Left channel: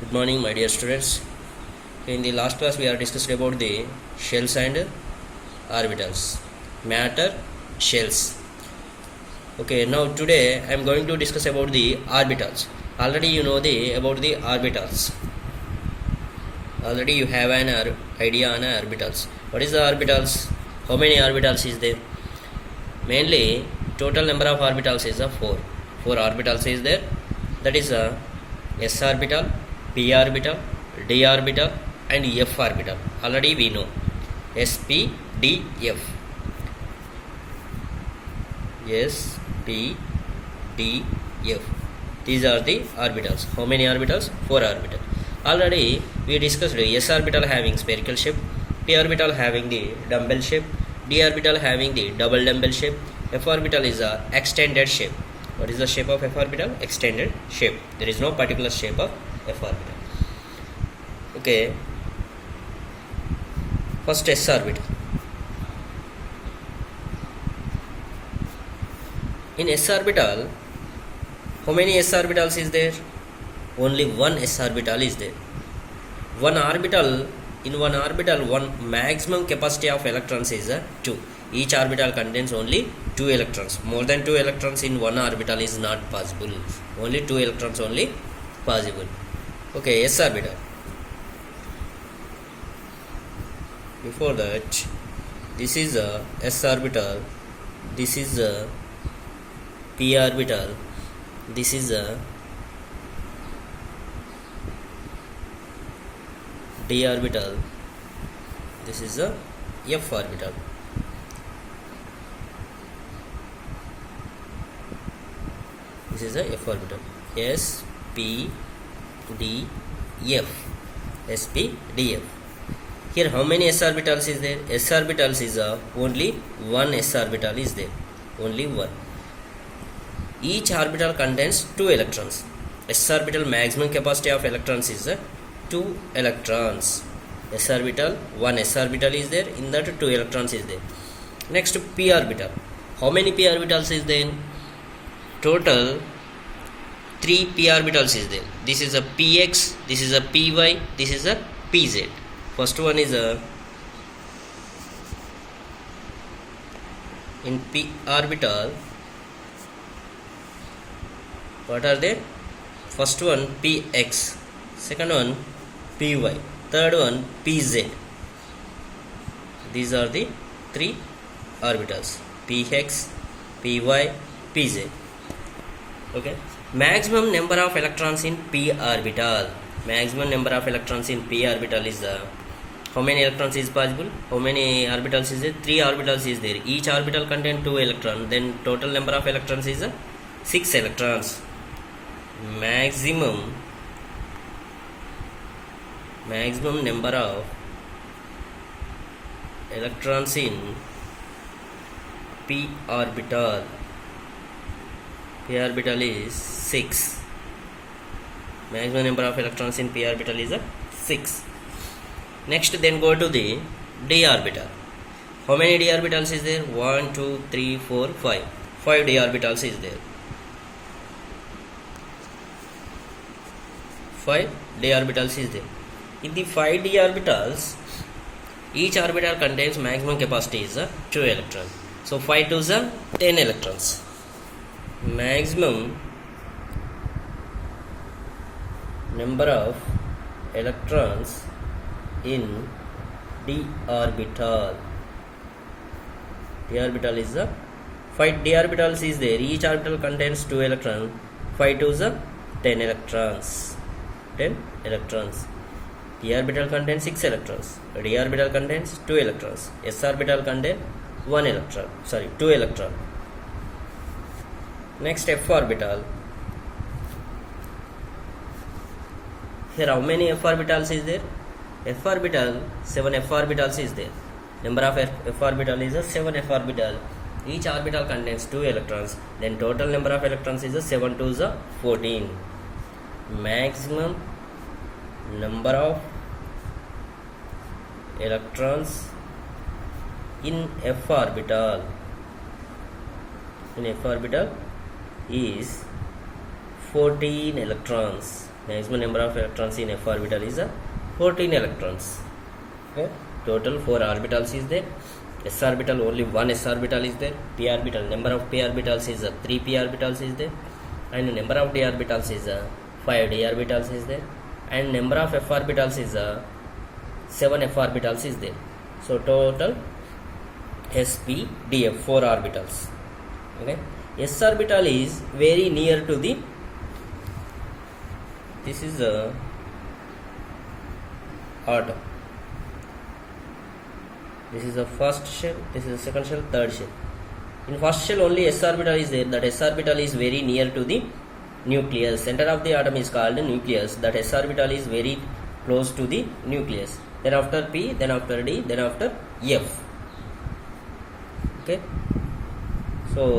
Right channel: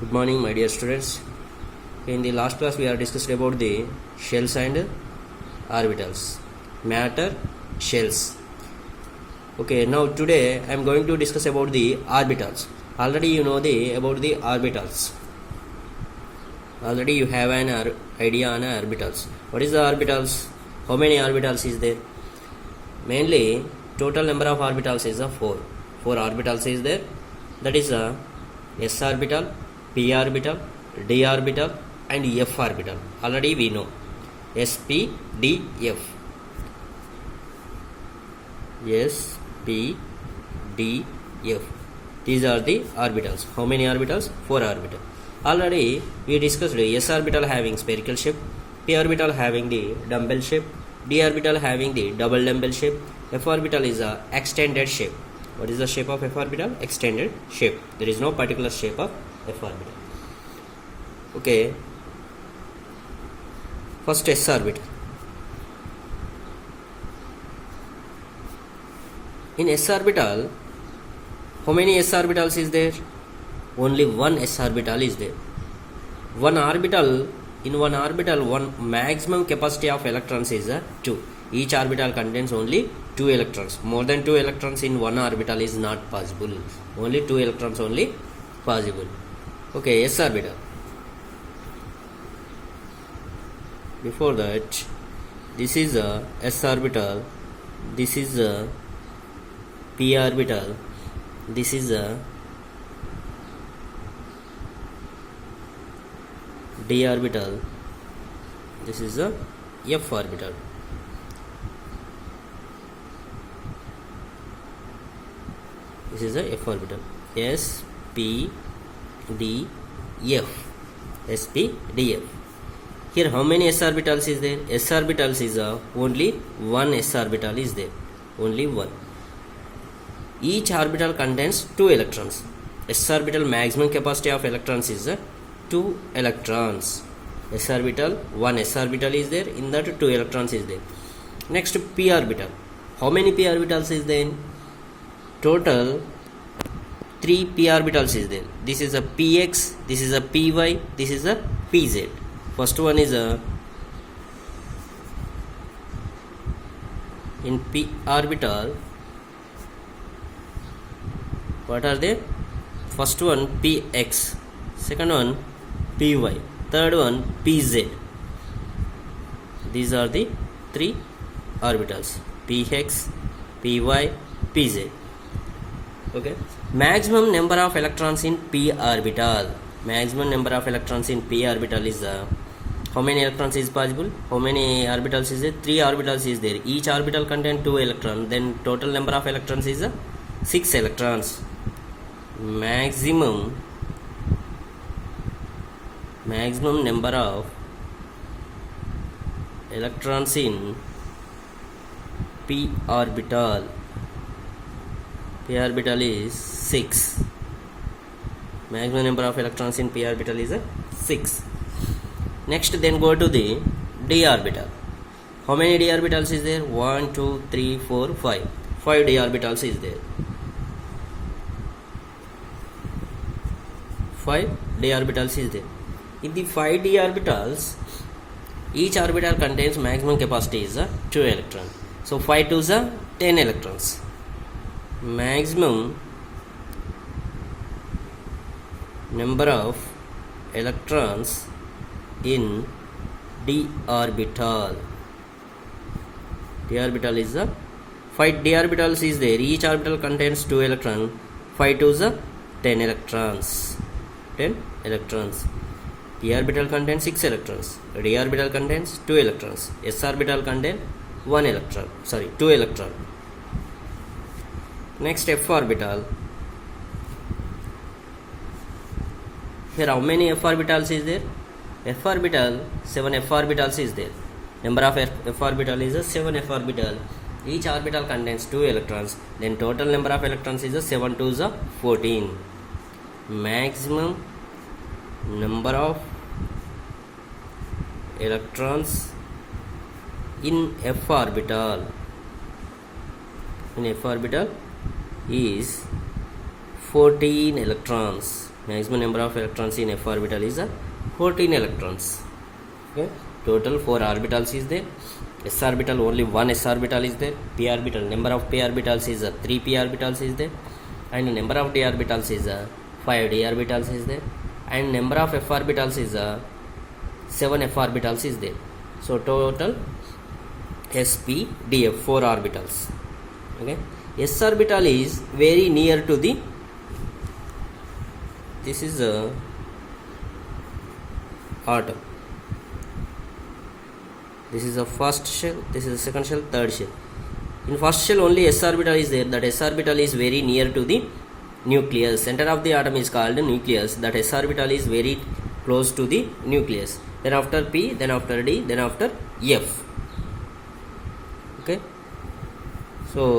Good morning, my dear students. In the last class, we are discussed about the shells and orbitals, matter, shells. Okay, now today I am going to discuss about the orbitals. Already you know about the orbitals. Already you have an idea on orbitals. What is the orbitals? How many orbitals is there? Mainly, total number of orbitals is 4. 4 orbitals is there. That is s orbital, p orbital, d orbital and f orbital. Already we know s, p, d, f. S, p, d, f. These are the orbitals. How many orbitals? 4 orbitals. Already we discussed s orbital having spherical shape, p orbital having the dumbbell shape, d orbital having the double dumbbell shape, f orbital is a extended shape. What is the shape of f orbital? Extended shape. There is no particular shape of f orbital. Okay. First s orbital. In s orbital, how many s orbitals is there? Only one s orbital is there. One orbital, one maximum capacity of electrons is 2. Each orbital contains only 2 electrons. More than 2 electrons in one orbital is not possible. Only 2 electrons only possible. Okay, s orbital. Before that, this is a s orbital, this is a p orbital, this is a d orbital, this is a f orbital. This is a f orbital. S, p, d, f. S, p, d, f. Here how many s orbitals is there? S orbitals is only one s orbital is there. Only one. Each orbital contains 2 electrons. S orbital maximum capacity of electrons is 2 electrons. S orbital, one s orbital is there. In that 2 electrons is there. Next p orbital. How many p orbitals is there? Total 3 p orbitals is there. This is a px, this is a py, this is a pz. First one is in p orbital. What are they? First one px, second one py, third one pz. These are the 3 orbitals: px, py, pz. Okay. Maximum number of electrons in p orbital. Maximum number of electrons in p orbital is how many electrons is possible? How many orbitals is there? 3 orbitals is there. Each orbital contains 2 electrons. Then total number of electrons is 6 electrons. Maximum number of electrons in p orbital. P orbital is 6. Maximum number of electrons in p orbital is 6. Next, then go to the d orbital. How many d orbitals is there? 1, 2, 3, 4, 5. 5 d orbitals is there. 5 d orbitals is there. In the 5 d orbitals, each orbital contains maximum capacity is 2 electrons. So 5 to 10 electrons. Maximum number of electrons in d orbital. D orbital is 5 d orbitals is there. Each orbital contains 2 electrons. 5 to 10 electrons. 10 electrons. P orbital contains 6 electrons. D orbital contains 2 electrons. S orbital contains 1 electron. 2 electrons. Next, f orbital. Here how many f orbitals is there? F orbital, 7 f orbitals is there. Number of f orbital is 7 f orbital. Each orbital contains 2 electrons. Then total number of electrons is 7 to 14. Maximum number of electrons in f orbital. In f orbital is 14 electrons. Maximum number of electrons in f orbital is 14 electrons. Okay, total 4 orbitals is there. S orbital, only one S orbital is there. P orbital, number of P orbitals is 3 P orbitals is there, and number of D orbitals is 5 D orbitals is there, and number of F orbitals is 7 F orbitals is there. So total sp df 4 orbitals. Okay, S orbital is very near to the, this is a atom. This is the first shell, this is the second shell, third shell. In first shell only S orbital is there. That S orbital is very near to the nucleus. Center of the atom is called nucleus. That S orbital is very close to the nucleus. Then after P, then after D, then after F. Okay.